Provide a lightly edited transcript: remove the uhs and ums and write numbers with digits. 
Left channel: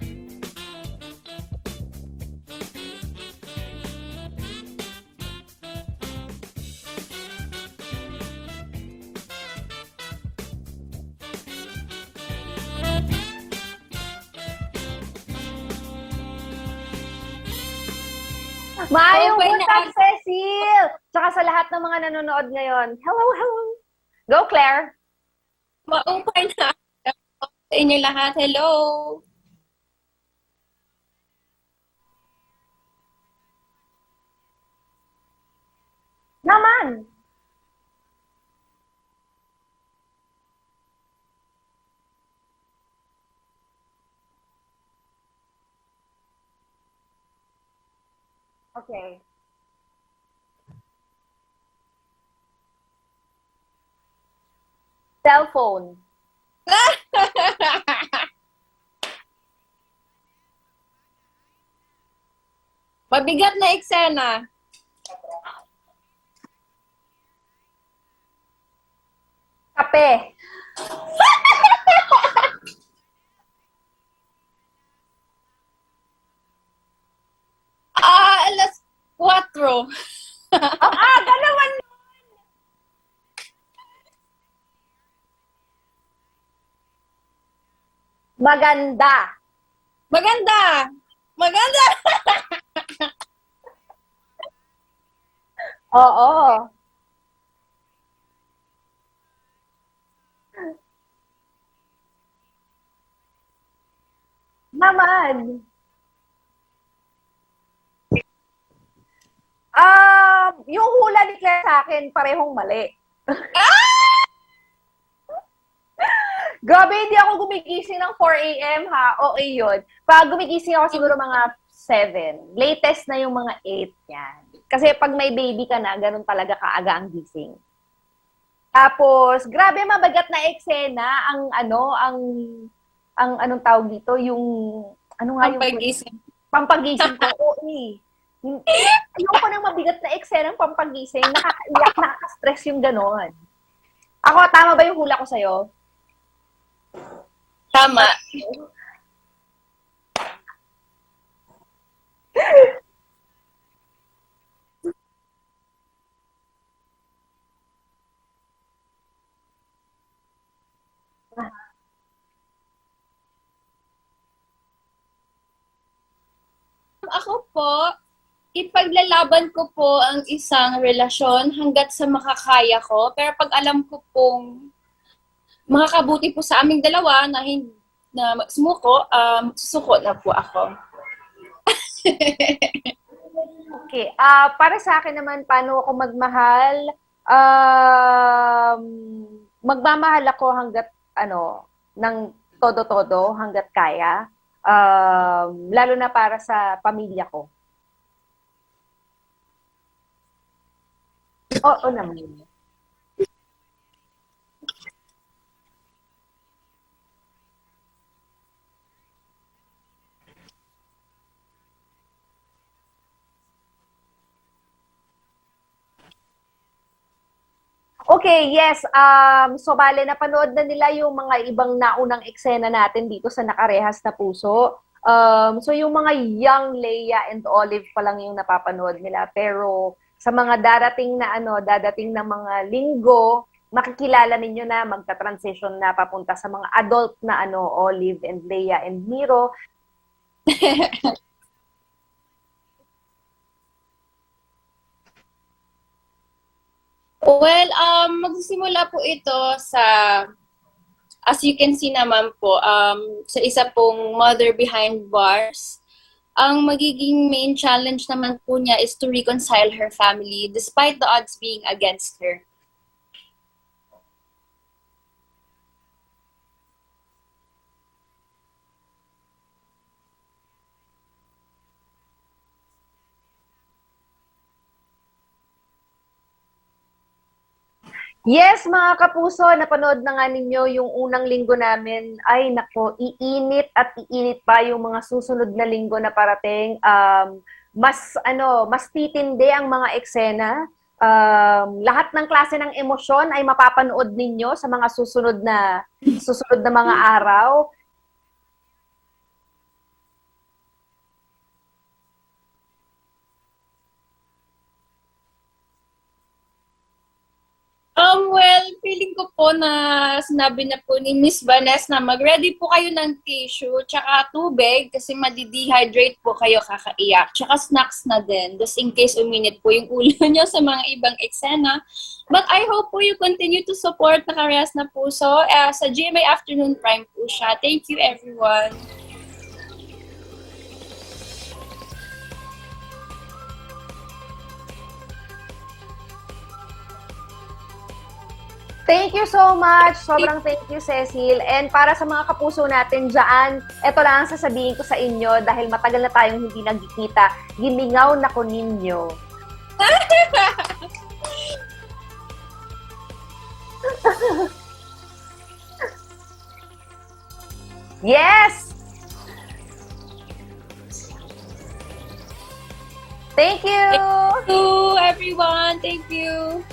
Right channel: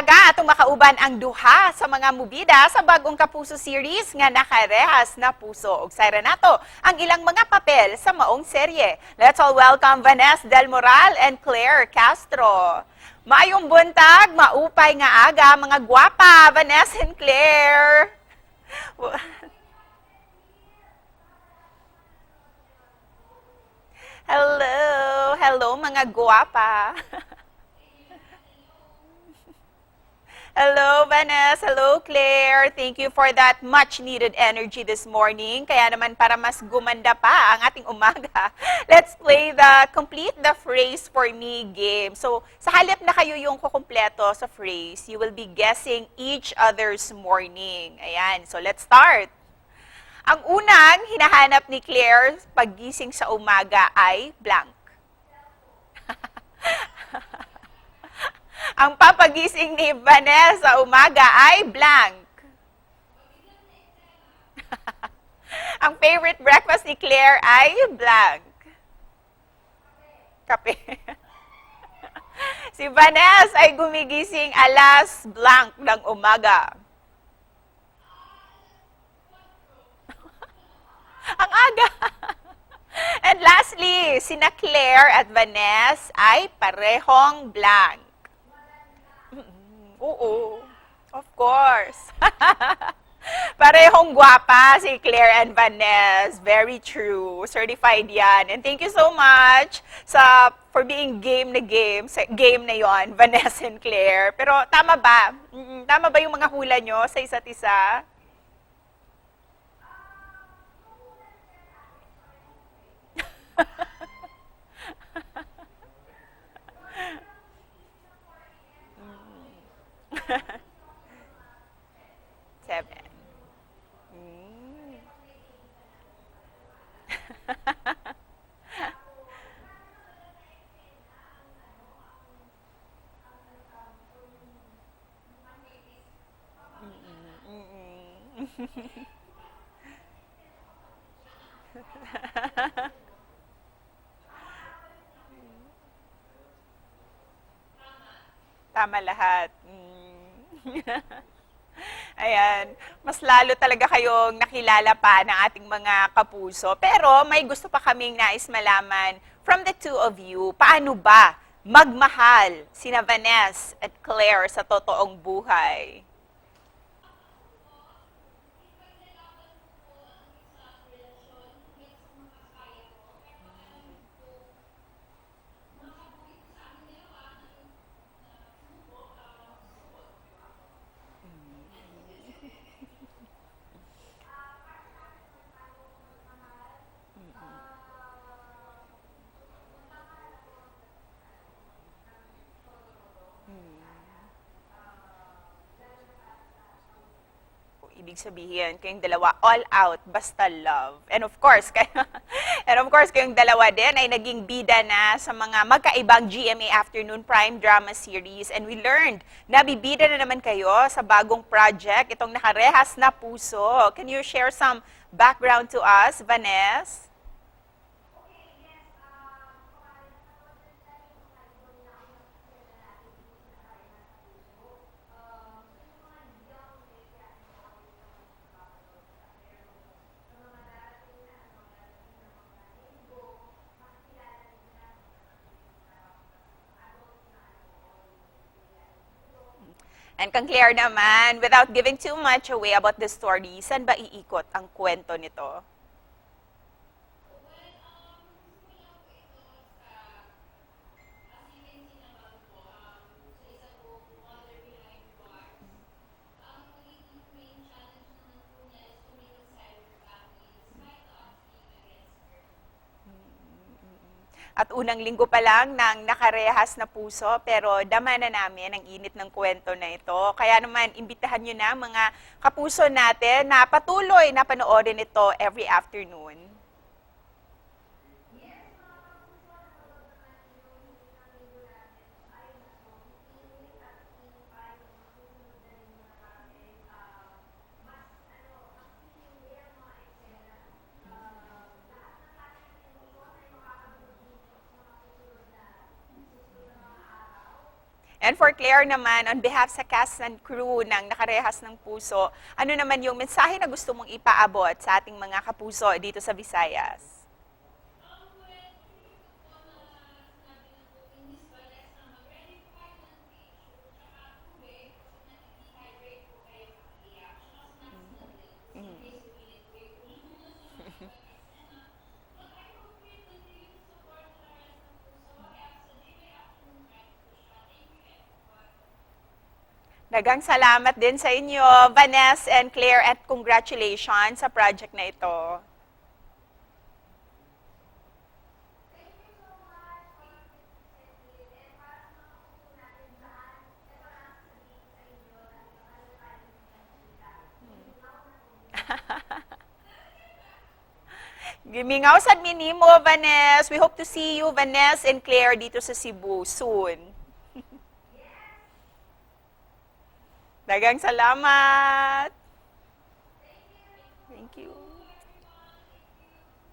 umaga atong makauban ang duha sa mga mubida sa bagong Kapuso series nga nakarehas na puso. Ug sayra nato ang ilang mga papel sa maong serye. Let's all welcome Vanessa Del Moral and Claire Castro. Maayong buntag, maupay nga aga, mga gwapa, Vanessa and Claire. Maayong buntag, Cecil! Tsaka sa lahat ng mga nanonood ngayon, hello, hello! Go, Claire! Hello, mga gwapa. Sa inyo lahat, hello! Hello, Vanessa. Hello, Claire. Thank you for that much-needed energy this morning. Kaya naman para mas gumanda pa ang ating umaga, let's play the Complete the Phrase for Me game. So, sa halip na kayo yung kukumpleto sa phrase, you will be guessing each other's morning. Ayan. So, let's start. Ang unang hinahanap ni Claire paggising sa umaga ay blank. Cellphone. Ang papagising ni Vanessa sa umaga ay blank. Mabigat na eksena. Ang favorite breakfast ni Claire ay blank. Kape. Kape. Si Vanessa ay gumigising alas blank ng umaga. Alas 4. Umaga. And lastly, sina Claire at Vanessa ay parehong blank. Maganda. Oo, Maganda! Of course. Maganda! Parehong gwapa si Claire and Vanessa. Oo. Very true. Certified yan. And thank you so much for being game sa game na yon, Vanessa and Claire. Pero tama ba? Naman. Tama ba yung mga hula nyo sa isa't isa? Yung hula ni Claire sa akin, parehong mali. Grabe, hindi ako gumigising ng 4 a.m. ha. Okay yun. Pag gumigising ako siguro mga 7. Latest na yung mga 8 yan. Kasi pag may baby ka na, ganun talaga kaaga ang gising. Tapos, grabe mabagat na eksena ang anong tawag dito, yung ano nga Ang yung pagising. pampagising ko. Oo, eh. Ayoko nang mabigat na eksena ng pampagising, nakakaiyak, nakaka-stress yung ganon. Ako, tama ba yung hula ko sa'yo? Tama. Tama lahat. Ayan. Mas lalo talaga kayong nakilala pa ng ating mga kapuso. Pero may gusto pa kaming nais malaman from the two of you. Paano ba magmahal sina Vanessa at Claire sa totoong buhay? Ako po, ipaglalaban ko po ang isang relasyon hanggat sa makakaya ko. Pero pag alam ko pong makakabuti po sa aming dalawa na sumuko, susuko na po ako. Okay. Para sa akin naman, paano ako magmahal? Magmamahal ako hanggat, ng todo-todo, hanggat kaya. Lalo na para sa pamilya ko. Ibig sabihin, kayong dalawa all out, basta love. And of course, Oo naman. kayong dalawa din ay naging bida na sa mga magkaibang GMA Afternoon Prime Drama Series. And we learned na bibida na naman kayo sa bagong project, itong Nakarehas na Puso. Can you share some background to us, Vanessa? Okay, yes. So, bale, napanood na nila yung mga ibang naunang eksena natin dito sa Nakarehas na Puso. So, yung mga young Leia and Olive pa lang yung napapanood nila. Pero sa mga darating na mga linggo, makikilala ninyo na magta-transition na papunta sa mga adult na Olive and Leia and Miro. And kang Claire naman, without giving too much away about the story, saan ba iikot ang kwento nito? Well, magsisimula po ito sa, as you can see naman po, sa isa pong mother behind bars. Ang magiging main challenge naman po niya is to reconcile her family despite the odds being against her. At unang linggo pa lang ng Nakarehas na Puso, pero dama na namin ang init ng kwento na ito. Kaya naman, imbitahan nyo na mga kapuso natin na patuloy na panoorin ito every afternoon. Yes, mga kapuso, napanood na nga ninyo yung unang linggo namin. Ay, nako, iinit at iinit pa yung mga susunod na linggo na parating. Mas titindi ang mga eksena. Lahat ng klase ng emosyon ay mapapanood ninyo sa mga susunod na mga araw. And for Claire naman, on behalf sa cast and crew ng Nakarehas ng Puso, ano naman yung mensahe na gusto mong ipaabot sa ating mga kapuso dito sa Visayas? Well, feeling ko po na sinabi na po ni Miss Vanessa na mag-ready po kayo ng tissue tsaka tubig kasi madi-dehydrate po kayo kakaiyak. Tsaka snacks na din, just in case uminit po yung ulo nyo sa mga ibang eksena. But I hope po you continue to support Nakarehas na Puso. Sa GMA Afternoon Prime po siya. Thank you, everyone. Dagang salamat din sa inyo, Vanessa and Claire, at congratulations sa project na ito. Thank you so much. Sobrang thank you, Cecil. And para sa mga kapuso natin dyan, ito lang ang sasabihin ko sa inyo dahil matagal na tayong hindi nagkikita. Gimingaw na ko ninyo. Gimingaw sa minimo, Vanessa. We hope to see you, Vanessa and Claire, dito sa Cebu soon. Yes! Dagang salamat! Thank you! Thank you, everyone. Thank you.